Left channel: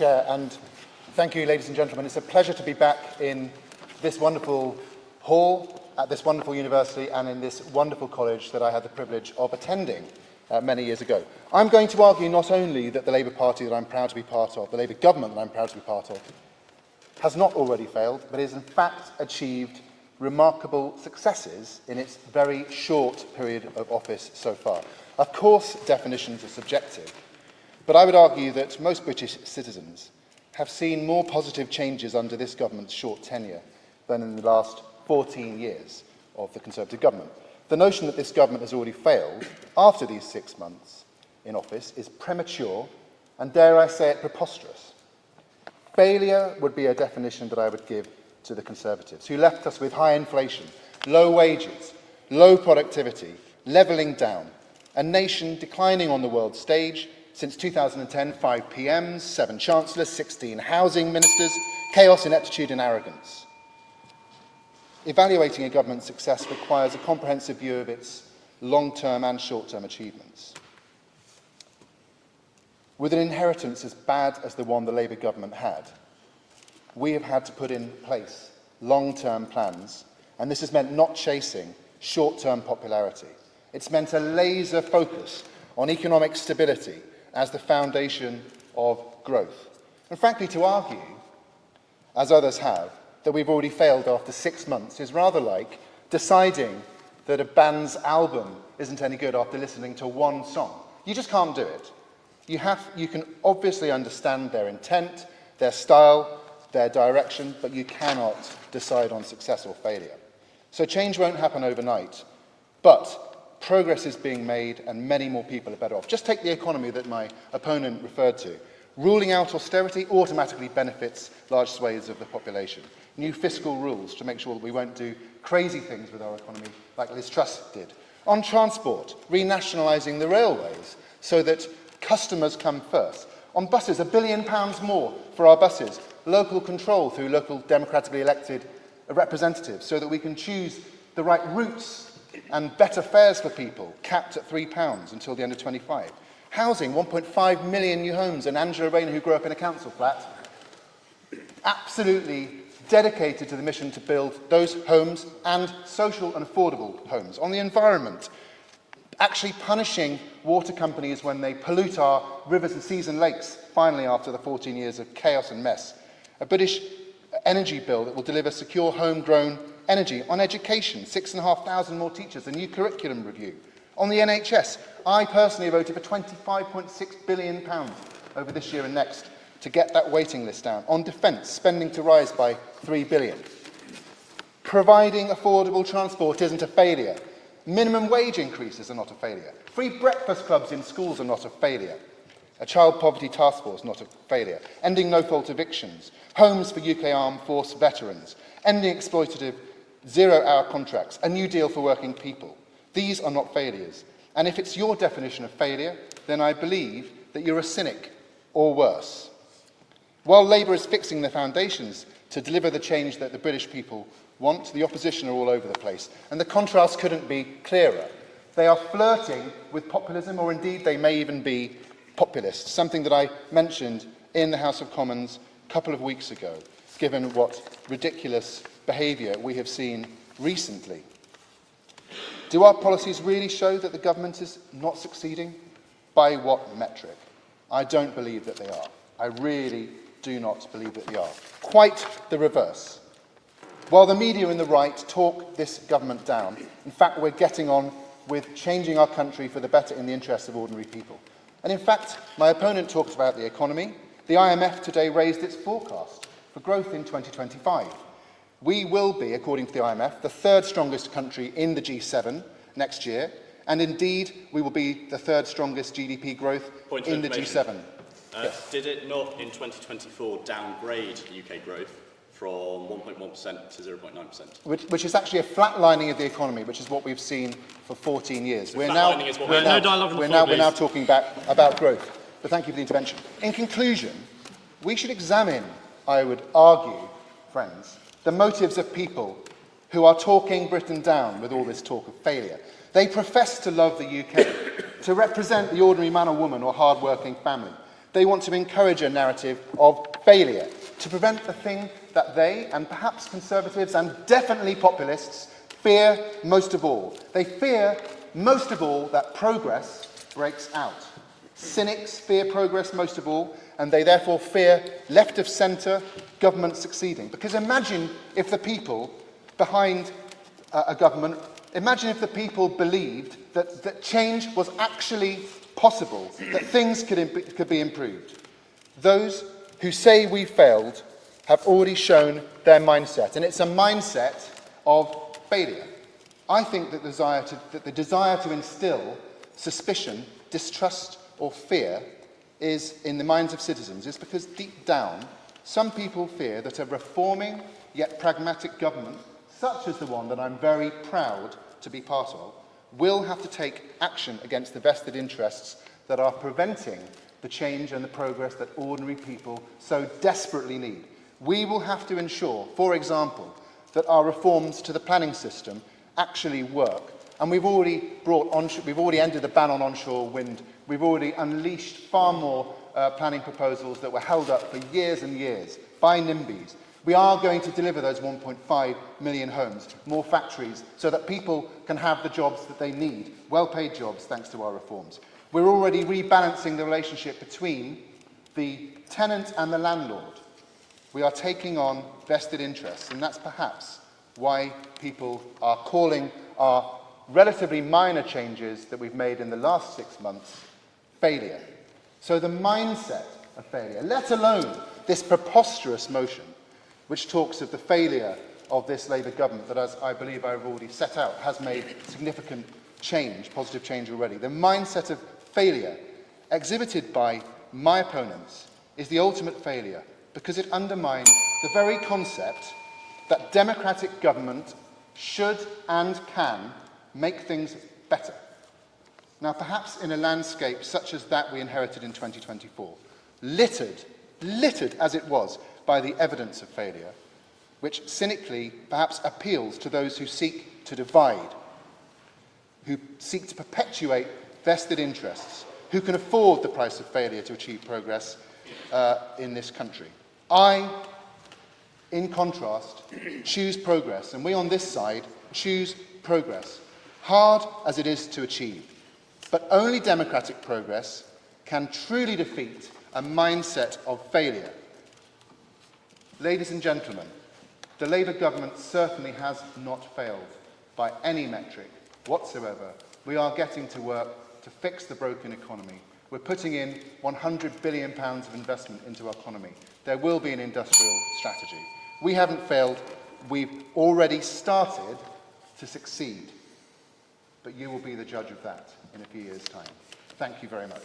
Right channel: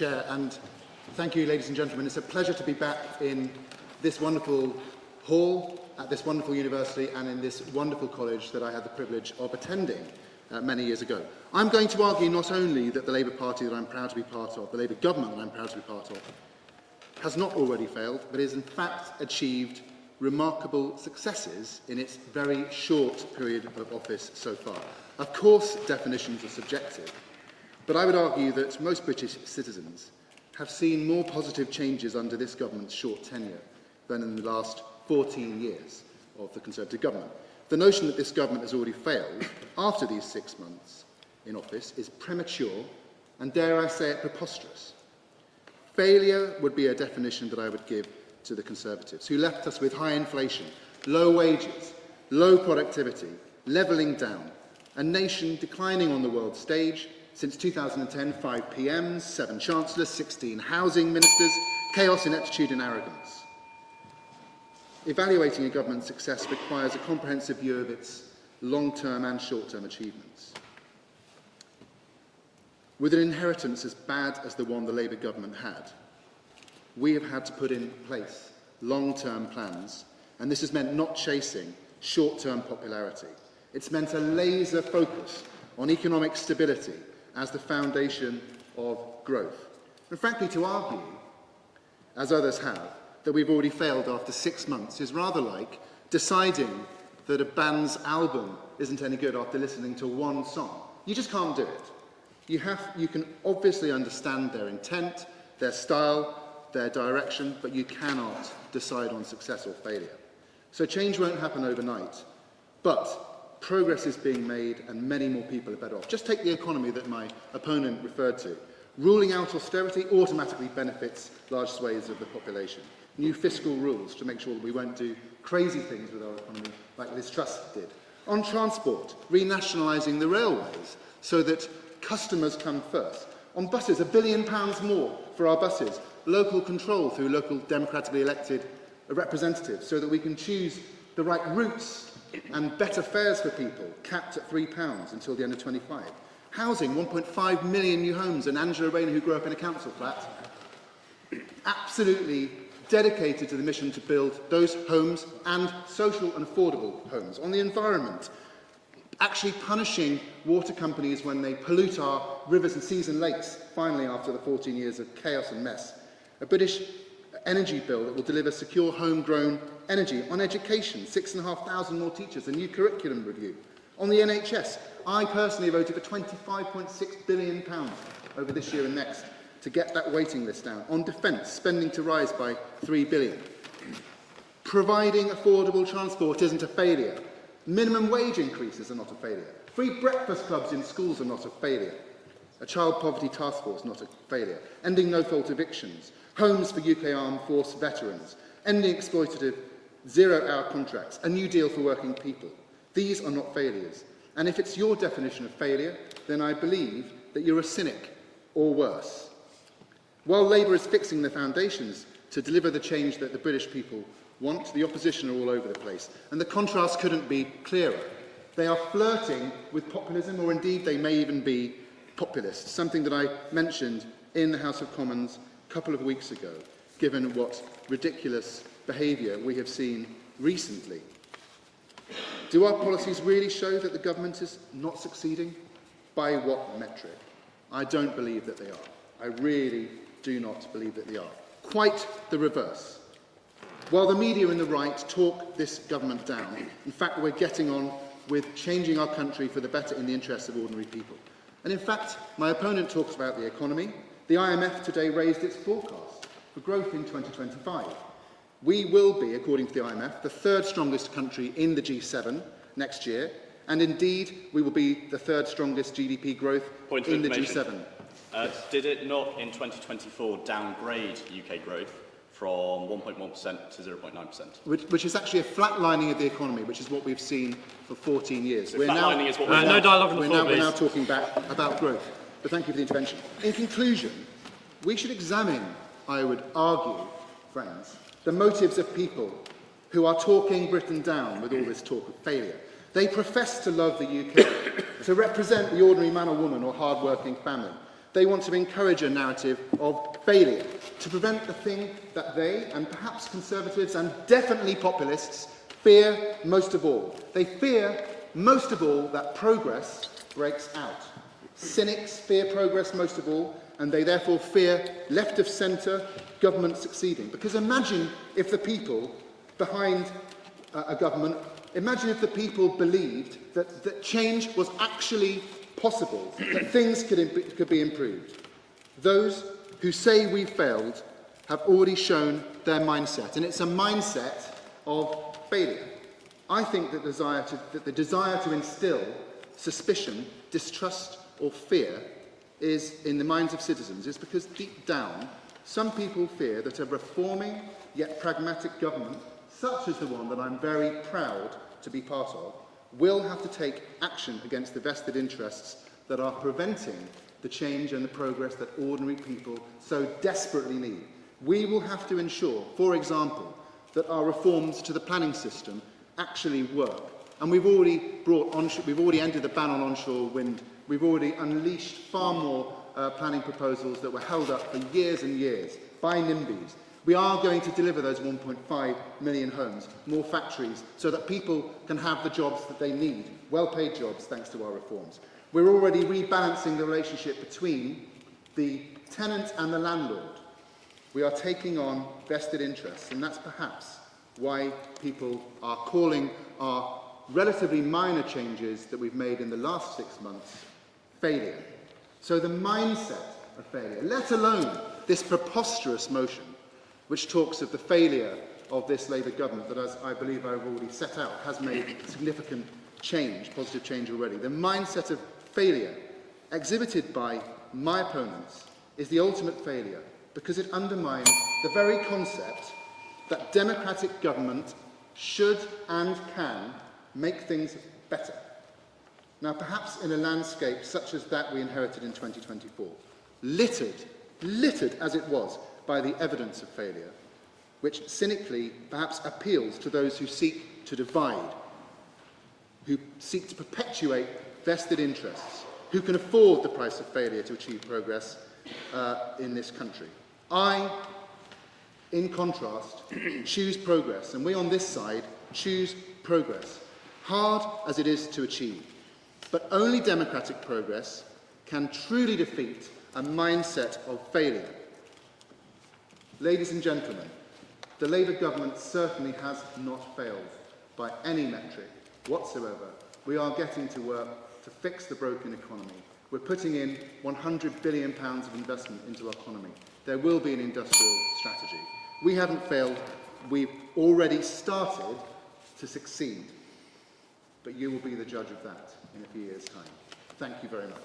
Chair, and thank you, ladies and gentlemen. It's a pleasure to be back in this wonderful hall, at this wonderful university, and in this wonderful college that I had the privilege of attending many years ago. I'm going to argue not only that the Labour Party that I'm proud to be part of, the Labour government that I'm proud to be part of, has not already failed, but has in fact achieved remarkable successes in its very short period of office so far. Of course, definitions are subjective, but I would argue that most British citizens have seen more positive changes under this government's short tenure than in the last 14 years of the Conservative government. The notion that this government has already failed after these 6 months in office is premature and, dare I say it, preposterous. Failure would be a definition that I would give to the Conservatives, who left us with high inflation, low wages, low productivity, levelling down, a nation declining on the world stage. Since 2010, 5 PMs, 7 chancellors, 16 housing ministers, chaos, ineptitude and arrogance. Evaluating a government's success requires a comprehensive view of its long-term and short-term achievements. With an inheritance as bad as the one the Labour government had, we have had to put in place long-term plans, and this has meant not chasing short-term popularity. It's meant a laser focus on economic stability as the foundation of growth. And frankly, to argue, as others have, that we've already failed after 6 months is rather like deciding that a band's album isn't any good after listening to one song. You just can't do it. You can obviously understand their intent, their style, their direction, but you cannot decide on success or failure. So change won't happen overnight, but progress is being made and many more people are better off. Just take the economy that my opponent referred to. Ruling out austerity automatically benefits large swathes of the population. New fiscal rules to make sure that we won't do crazy things with our economy like Liz Truss did. On transport, renationalising the railways so that customers come first. On buses, £1 billion more for our buses. Local control through local democratically elected representatives so that we can choose the right routes and better fares for people, capped at £3 until the end of 25. Housing, 1.5 million new homes, and Angela Rayner, who grew up in a council flat, absolutely dedicated to the mission to build those homes and social and affordable homes. On the environment, actually punishing water companies when they pollute our rivers and seas and lakes, finally after the 14 years of chaos and mess. A British energy bill that will deliver secure homegrown energy. On education, 6,500 more teachers, a new curriculum review. On the NHS, I personally voted for £25.6 billion over this year and next to get that waiting list down. On defence, spending to rise by £3 billion. Providing affordable transport isn't a failure. Minimum wage increases are not a failure. Free breakfast clubs in schools are not a failure. A child poverty task force, not a failure. Ending no-fault evictions. Homes for UK Armed Force veterans. Ending exploitative zero-hour contracts. A new deal for working people. These are not failures. And if it's your definition of failure, then I believe that you're a cynic, or worse. While Labour is fixing the foundations to deliver the change that the British people want, the opposition are all over the place. And the contrast couldn't be clearer. They are flirting with populism, or indeed they may even be populists, something that I mentioned in the House of Commons a couple of weeks ago, given what ridiculous behaviour we have seen recently. Do our policies really show that the government is not succeeding? By what metric? I don't believe that they are. I really do not believe that they are. Quite the reverse. While the media and the right talk this government down, in fact, we're getting on with changing our country for the better in the interests of ordinary people. And in fact, my opponent talks about the economy. The IMF today raised its forecast for growth in 2025. We will be, according to the IMF, the third strongest country in the G7 next year, and indeed, we will be the third strongest GDP growth in the G7. Yes. Did it not, in 2024, downgrade UK growth from 1.1% to 0.9%? Which is actually a flatlining of the economy, which is what we've seen for 14 years. We're now talking about growth. But thank you for the intervention. In conclusion, we should examine, I would argue, friends, the motives of people who are talking Britain down with all this talk of failure. They profess to love the UK, to represent the ordinary man or woman or hard-working family. They want to encourage a narrative of failure, to prevent the thing that they, and perhaps Conservatives and definitely populists, fear most of all. They fear most of all that progress breaks out. Cynics fear progress most of all, and they therefore fear left of centre government succeeding. Because imagine if the people behind a government, imagine if the people believed that change was actually possible, that things could be improved. Those who say we failed have already shown their mindset, and it's a mindset of failure. I think that the desire to instill suspicion, distrust or fear is in the minds of citizens is because deep down some people fear that a reforming yet pragmatic government, such as the one that I'm very proud to be part of, will have to take action against the vested interests that are preventing the change and the progress that ordinary people so desperately need. We will have to ensure, for example, that our reforms to the planning system actually work. And we've already ended the ban on onshore wind. We've already unleashed far more planning proposals that were held up for years and years by NIMBYs. We are going to deliver those 1.5 million homes, more factories, so that people can have the jobs that they need, well-paid jobs, thanks to our reforms. We're already rebalancing the relationship between the tenant and the landlord. We are taking on vested interests, and that's perhaps why people are calling our relatively minor changes that we've made in the last 6 months failure. So the mindset of failure, let alone this preposterous motion, which talks of the failure of this Labour government that, as I believe I've already set out, has made significant change, positive change already. The mindset of failure exhibited by my opponents is the ultimate failure because it undermines the very concept that democratic government should and can make things better. Now, perhaps in a landscape such as that we inherited in 2024, littered as it was by the evidence of failure, which cynically perhaps appeals to those who seek to divide, who seek to perpetuate vested interests, who can afford the price of failure to achieve progress in this country. I, in contrast, choose progress, and we on this side choose progress, hard as it is to achieve. But only democratic progress can truly defeat a mindset of failure. Ladies and gentlemen, the Labour government certainly has not failed by any metric whatsoever. We are getting to work to fix the broken economy. We're putting in £100 billion of investment into our economy. There will be an industrial strategy. We haven't failed. We've already started to succeed. But you will be the judge of that in a few years' time. Thank you very much.